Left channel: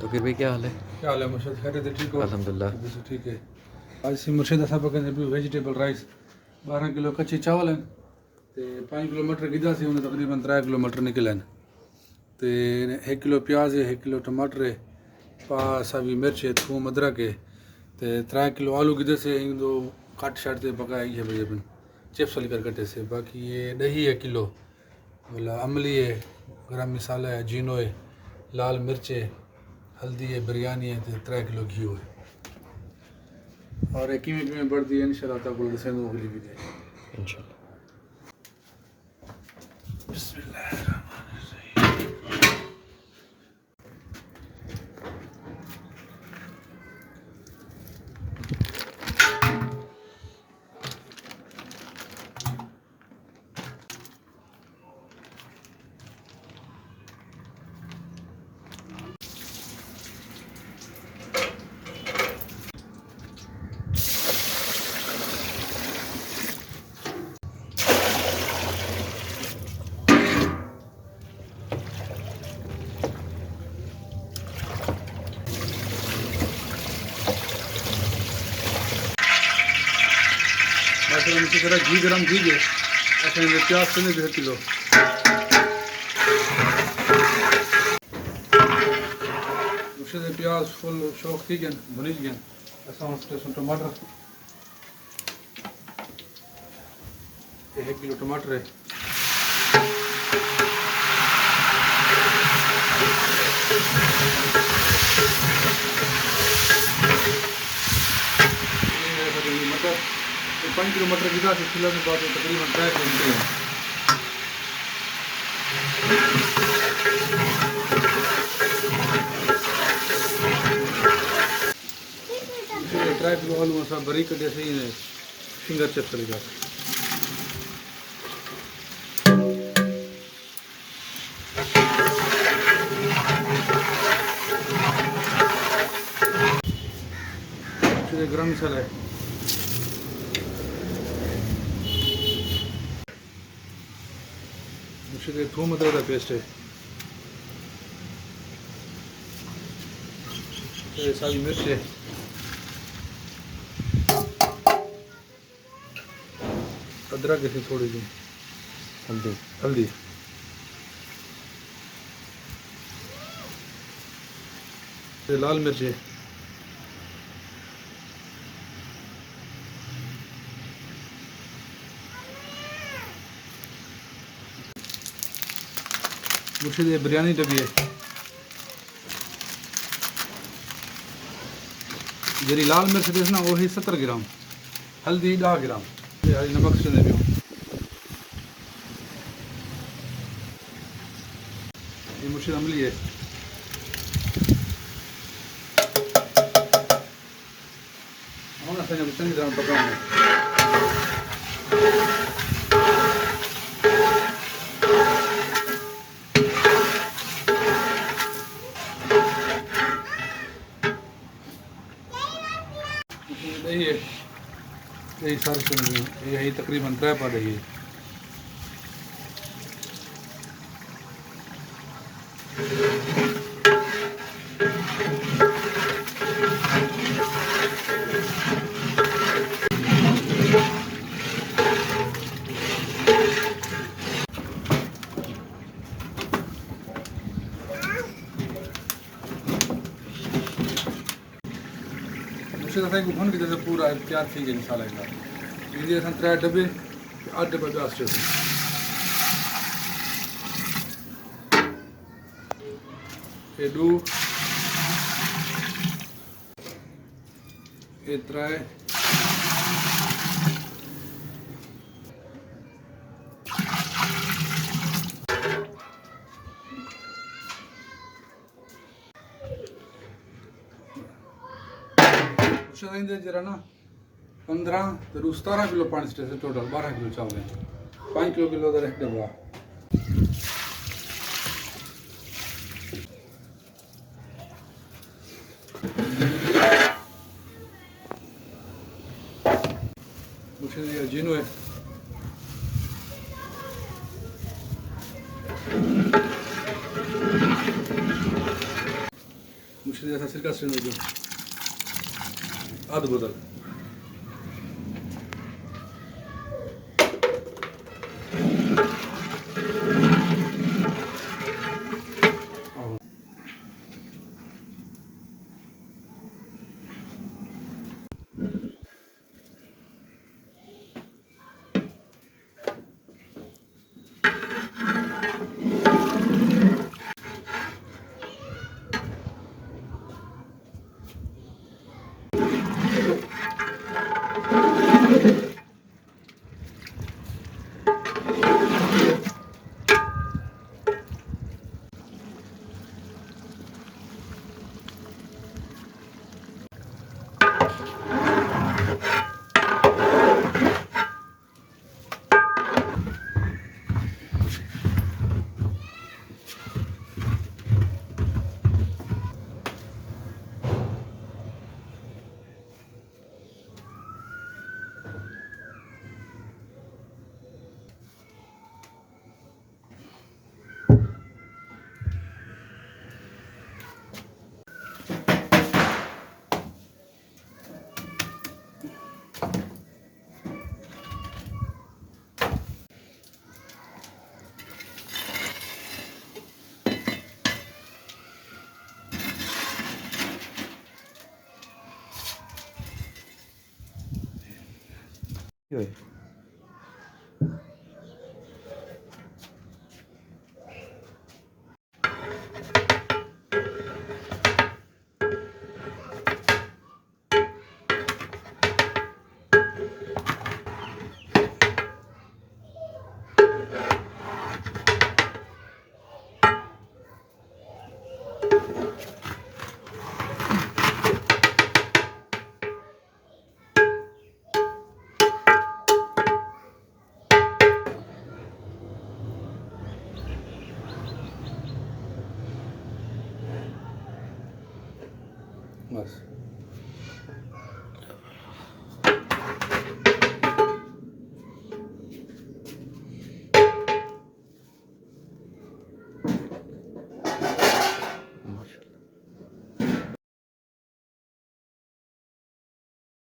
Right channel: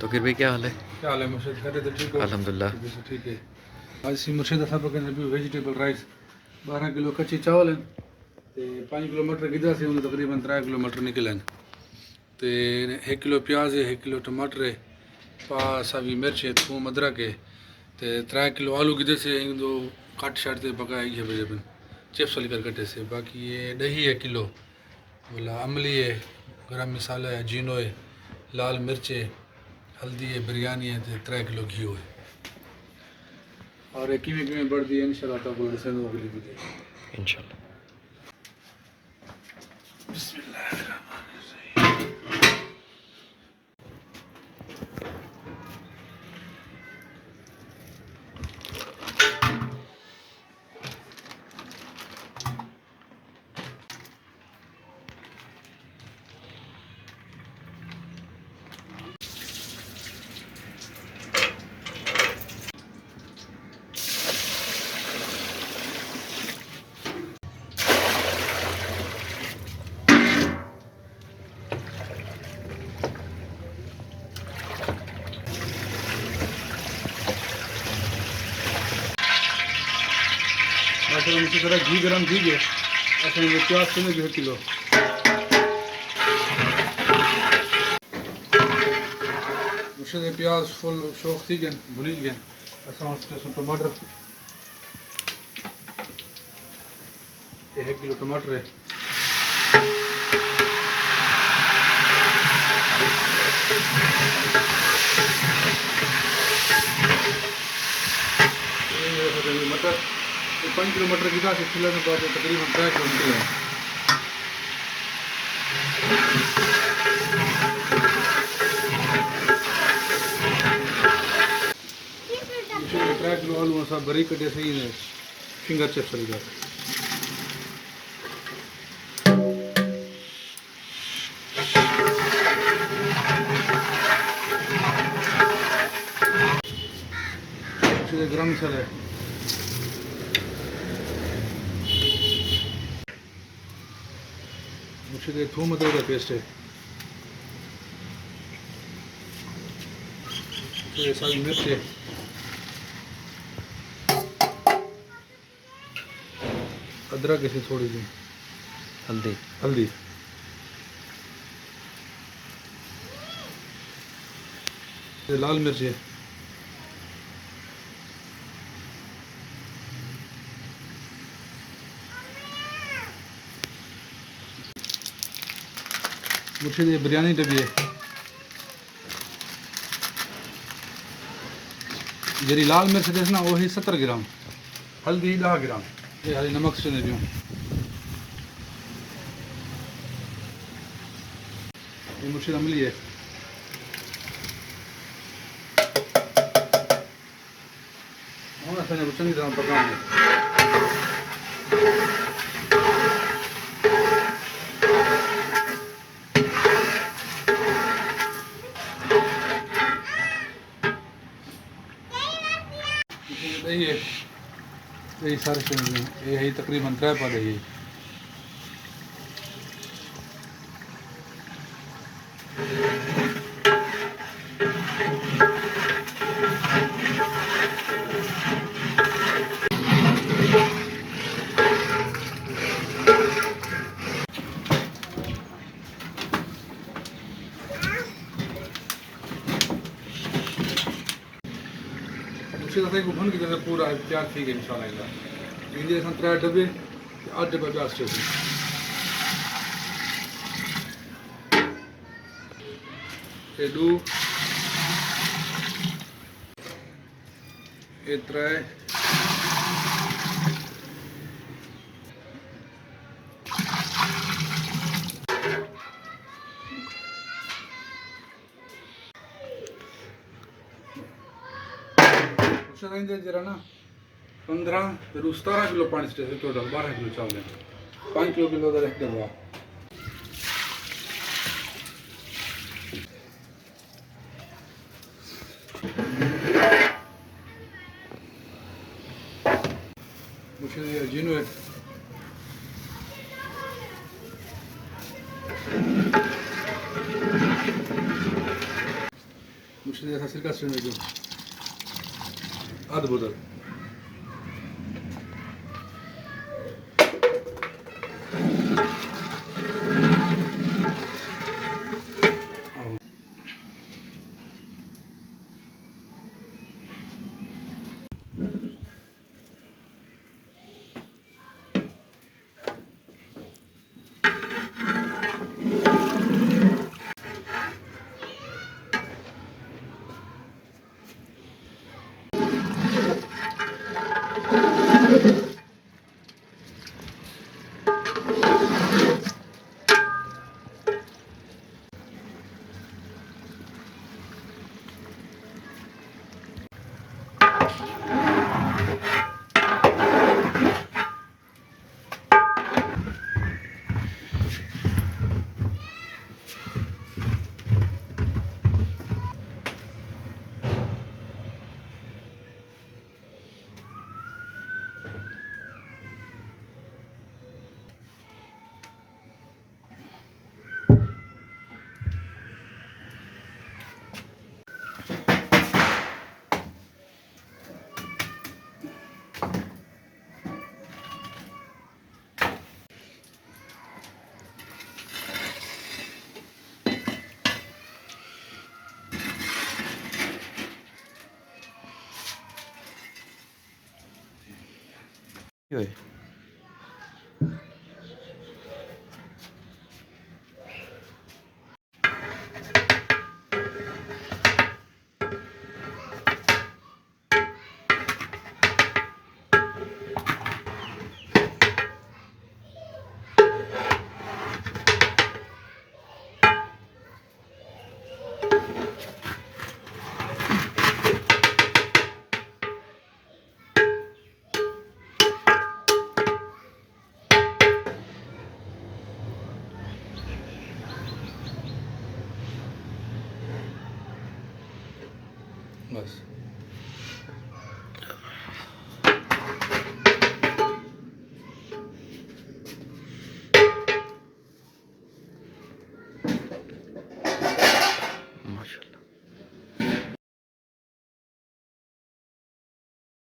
तो फिर भी क्या हाल है? क्या हाल है मुर्शिद? खैरियत है? ठीक हो? अल्हम्दुलिल्लाह। बिल्कुल ठीक है। आज सी मुर्शिद असां पिया कयूं वेजिटेबल राइस। 12 किलो कच्ची चावल आहिनि ते 5 किलो मटर गिदासीं, हुन तक़रीबन 3 किलो मटर निकिलिया आहिनि ते 1 किलो प्याज है, 1 किलो टमाटर है, पा सावी मिर्च है, थूम अदरक है ते 3 किलो आलू गिदेसे इंदो काट शाट ते पकाए इहे बजे चिप्स वाली कर कटे से। बाकी ये दही है किलो, बोला अमली है, गरम मसाला है, जीनो है, लाल मिर्च है, हल्दी है, बिरयानी है ते 3 किलो घी है। और ये किमें किमें बढ़ती है इंशाल्लाह ताला ॾिसंदो अगली वीडियो। इंशाल्लाह। माशाल्लाह इसी तरह घी गरम थी गए असां में प्याज समेत 1 किलो मुझे प्याज फुल शौक थी गए भुनी गए। असां टमाटर 1 किलो टमाटर है, मटर 5 किलो मटर गिदा से खिला के बाद तकरीबन 3 किलो निकले हैं। 3 किलो आलू असां बारीक कटे सही ने फिंगर चिप्स वाली बात। गरम मसाला है, मुझे थूम अदरक का पेस्ट है, ये सारी मिर्च है, अदरक ऐसे थोड़ी सी, हल्दी। हल्दी, ये लाल मिर्च है, मुझे ये बिरयानी डबी है, जी लाल मिर्च देस ना वही 70 ग्राम, हल्दी 10 ग्राम, ये हरी नमक से नहीं ये मुझे अमली है, हम असाने चंगी तरह पकाएंगे। दही है, दही सारे ये है तकरीबन 3 पा दही है। मुझे तो को भन के जैसे पूरा तैयार थी गई इंशाल्लाह। वीडियो असां 3 डब्बे 8 डब्बा ॿिया स्टोर एडू एतरा जरा ना 15 तो 17 किलो पानी से टोटल 12 किलो चावल है, 5 किलो रख देगा। मुझे जीनो है, मुर्शिद जैसा सिरका से जो आध बोतल কি হয় बस